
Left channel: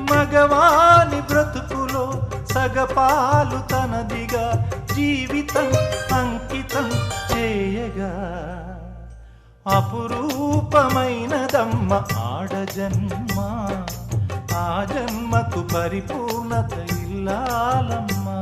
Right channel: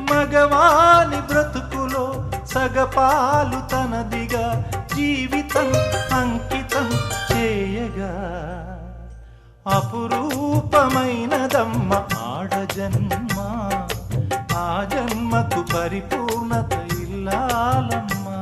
మగవాని బ్రతుకులో సగపాలు తనదిగా జీవితం అంకితం చేయగా అపురూపమైనదమ్మ ఆడ జన్మ ఆ జన్మకు పరిపూర్ణత ఇల్లాలమ్మా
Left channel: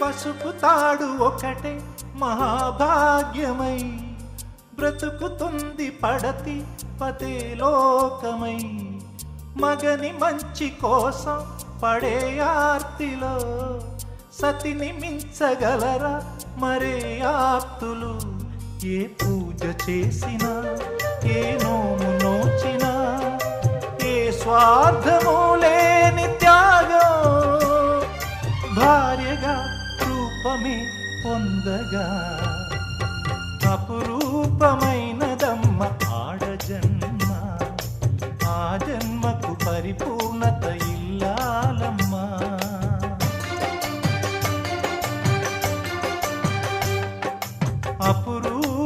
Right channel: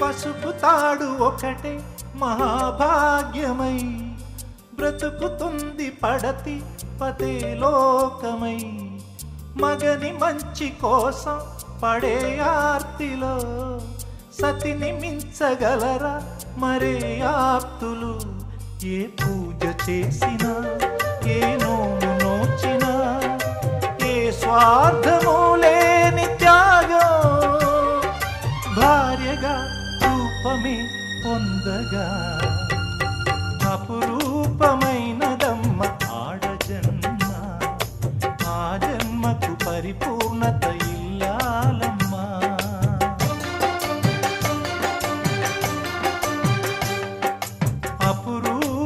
పసుపు తాడు ఒకటే మహాభాగ్యమై బ్రతుకుతుంది పడతి పతే లోకమై మగని మంచి కోసం పడే ఆర్తిలో సతిని మించగలరా మరే ఆప్తులు ఏ పూజ చేసినా ఏ నోము నోచినా ఏ స్వార్థము లేని త్యాగం భార్యగా రూపమే పొందగా అపురూపమైనదమ్మ ఆడ జన్మ ఆ జన్మకు పరిపూర్ణత ఇల్లాలమ్మా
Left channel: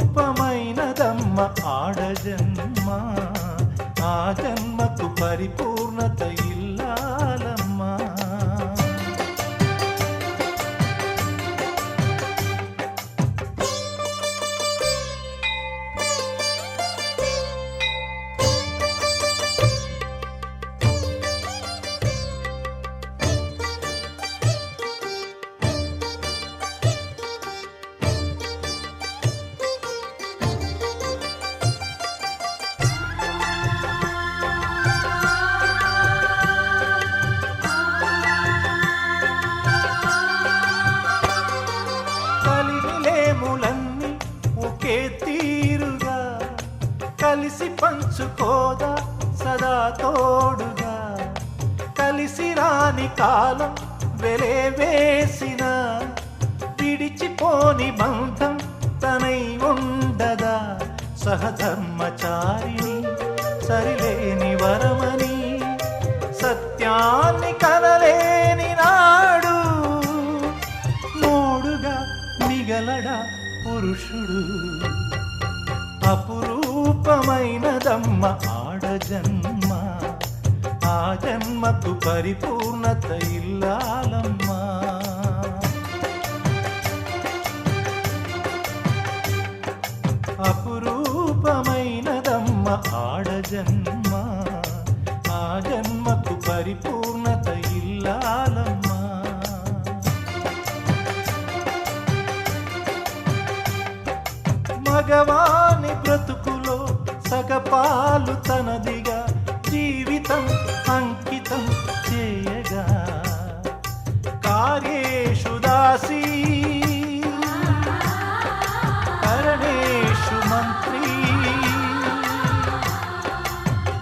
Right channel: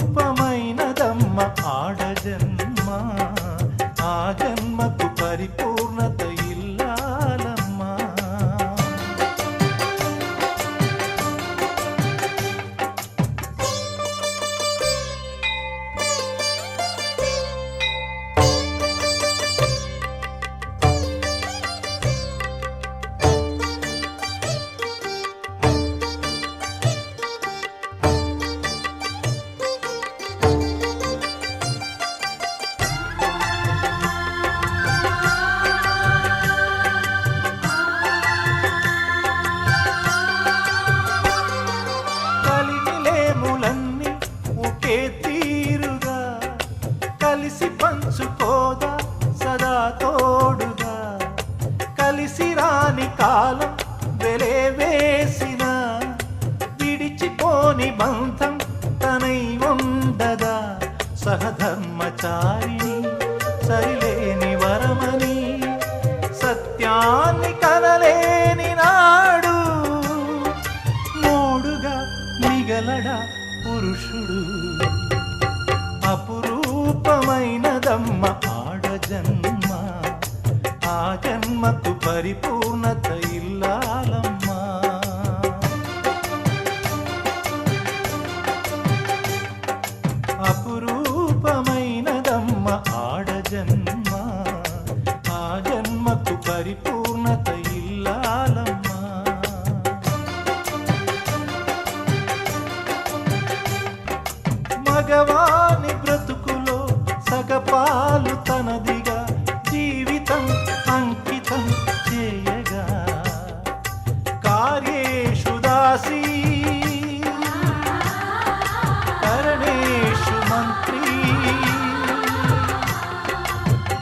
అపురూపమైనదమ్మ ఆడ జన్మ ఆ జన్మకు పరిపూర్ణత ఇల్లాలమ్మా కలిమిలేములన్నీ ఒకే తీరుగా కలిసి పంచుకోదా సదా తోడుగా కలిసి రాని కాలం వెలే వేసిన విడిచిపోని బంధం తనై ఉండదా సహధర్మచారిణి సరిలేని వరమని సత్యాన్ని కనలేని నాడు మోడుగా మిగలడా పురుషుడు అపురూపమైనదమ్మ ఆడ జన్మ ఆ జన్మకు పరిపూర్ణత ఇల్లాలమ్మా అపురూపమైనదమ్మ ఆడ జన్మ ఆ జన్మకు పరిపూర్ణత ఇల్లాలమ్మా మగవాని బ్రతుకులో సగపాలు తనదిగా జీవితం అంకితం చేయగా కార్యేషు దాసీ కరణేషు మంత్రీ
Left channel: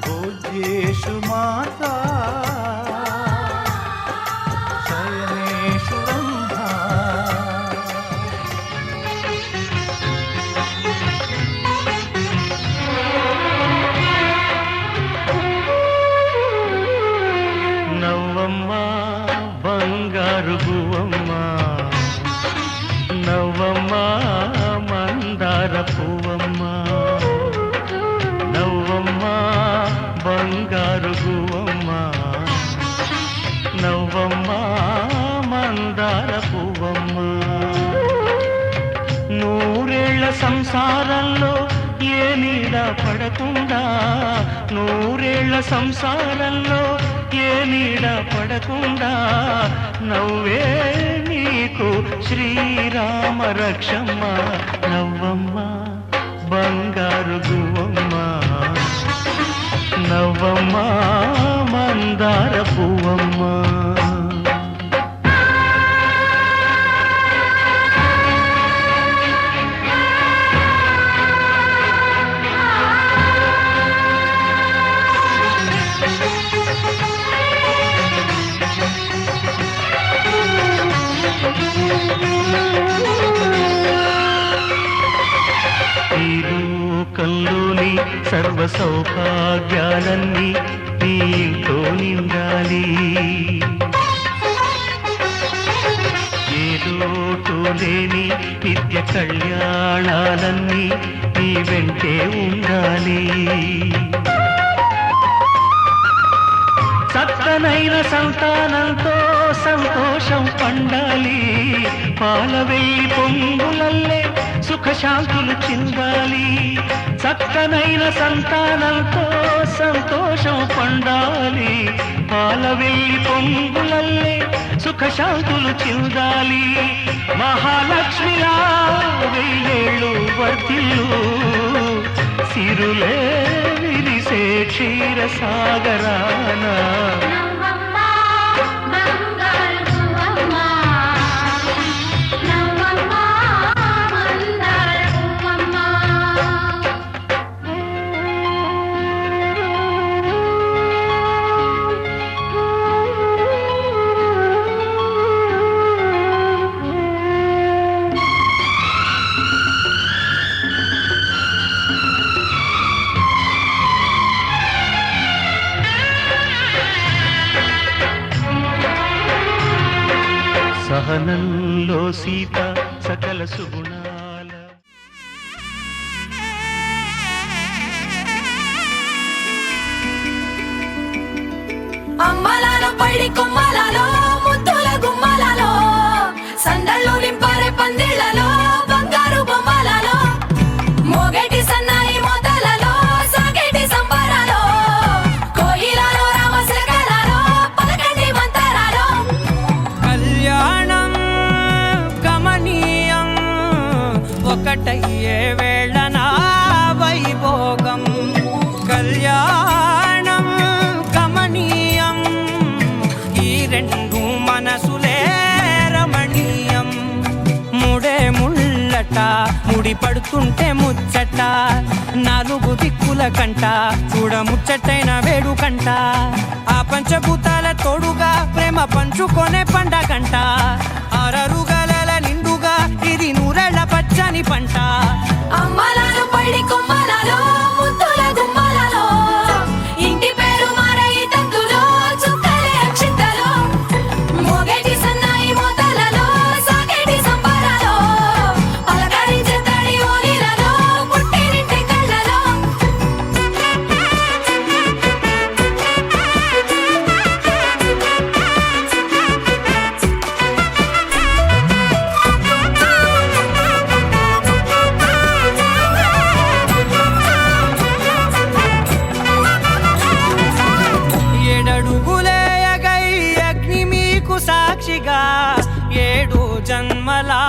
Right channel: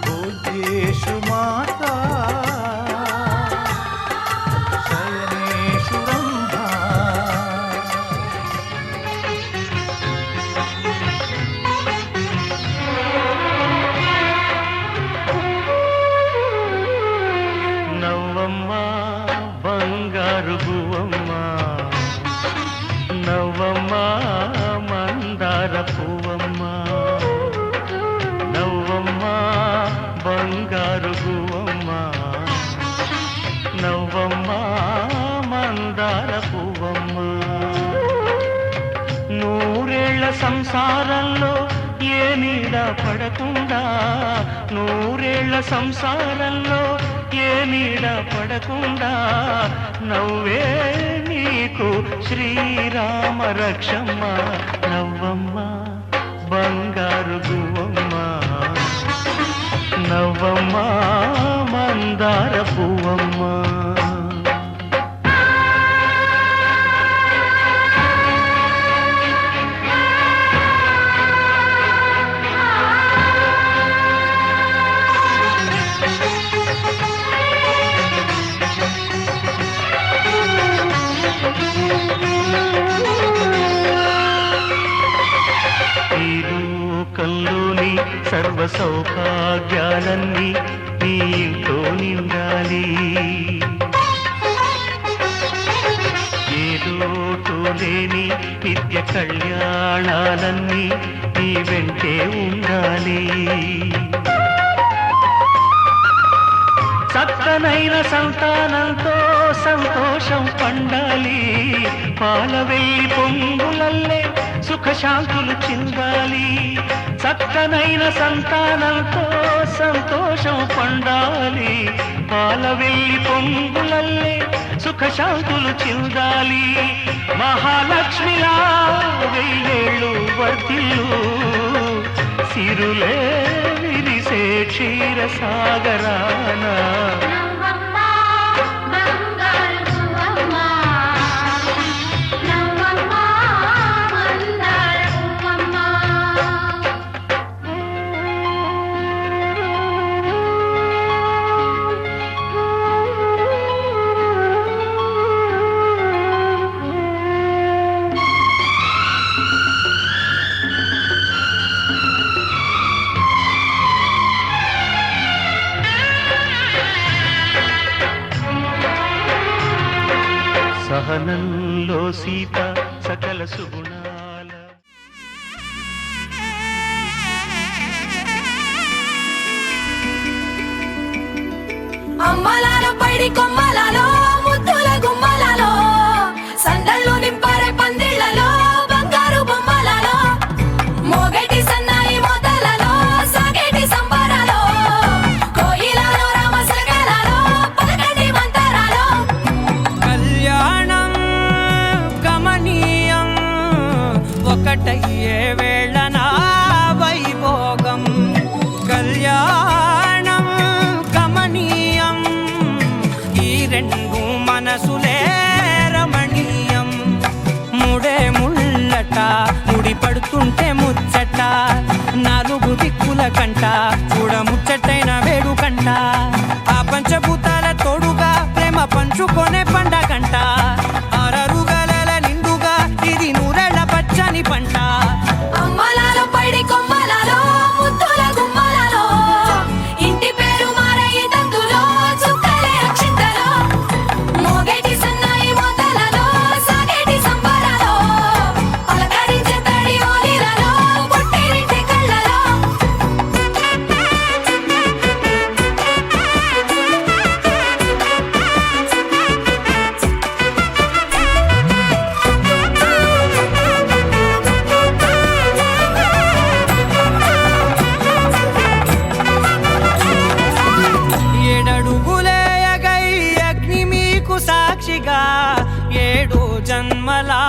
భోజ్యేషు మాతా శయనేషు రంభా నవ్వమ్మ బంగారు గువ్వమ్మ నవ్వమ్మ మందార పువ్వమ్మ నవ్వమ్మ బంగారు గువ్వమ్మ నవ్వమ్మ మందార పువ్వమ్మ నూరేళ్ల సంసారంలో ఏ నీడ పడకుండా నూరేళ్ల సంసారంలో ఏ నీడ పడకుండా నవ్వే నీకు శ్రీరామ రక్షమ్మ నవ్వమ్మ బంగారు గువ్వమ్మ నవ్వమ్మ మందార పువ్వమ్మ ఈ లోకంలోని సర్వ సౌభాగ్యాలన్నీ నీతో నిండాలి ఏ లోటు లేని నిత్య కళ్యాణాలన్నీ నీ వెంటే ఉండాలి చక్కనైన సంతానంతో సంతోషం పండాలి పాల వెళ్ళి పొంగులల్లే సుఖశాంతులు చిందాలి చక్కనైన సంతానంతో సంతోషం పండాలి పాల వెళ్ళి పొంగులల్లే సుఖశాంతులు చిందాలి మహాలక్ష్మిలా వెయ్యేళ్ళు వర్తిల్లు సిరులే విరిసే క్షీర సాగరాన సహనంలో సీత సకల సుగుణాల అమ్మలాలో పైడి కొమ్మలలో ముద్దుల గుమ్మలలో సందళ్ళు నింపారే పందిళ్లలో బంగారు బొమ్మలలో మోగేటి సన్నాయి మోతలలో సాగేటి సంబరాలో కోయిలలో రామశకలలో పలకండి మంతరాలో కళ్యాణం గమనీయం ఒకటయ్యే వేళ నా వైభోగం కళ్యాణం గమనీయం ఈ రెండు మనసులే రమణీయం ముడే ముళ్ళట ముడి పడుతుంటే ముచ్చట నాలుగు దిక్కుల కంట చూడ ముచ్చటైన వేడుకంట ఆ పంచభూతాల తోడుగా ప్రేమ పంచుకొనే పండగంట అరరుగల నిండుగా ఇది నూరెళ్ళ పచ్చని పంట అమ్మలాలో పైడి కొమ్మలలో ముద్దుల గుమ్మలలో ఇంటి పేరు మారయి తందులో చుక్కలే అక్షింతలో మోగేటి సన్నాయి మోతలలో సాగేటి సంబరాలో పలకరించే తడి ఓలిలలో పుట్టినింటి కళ్ళలో ఏడడుగులే ఎగై అగ్ని మీకు సాక్షిగా ఏడు జన్మలా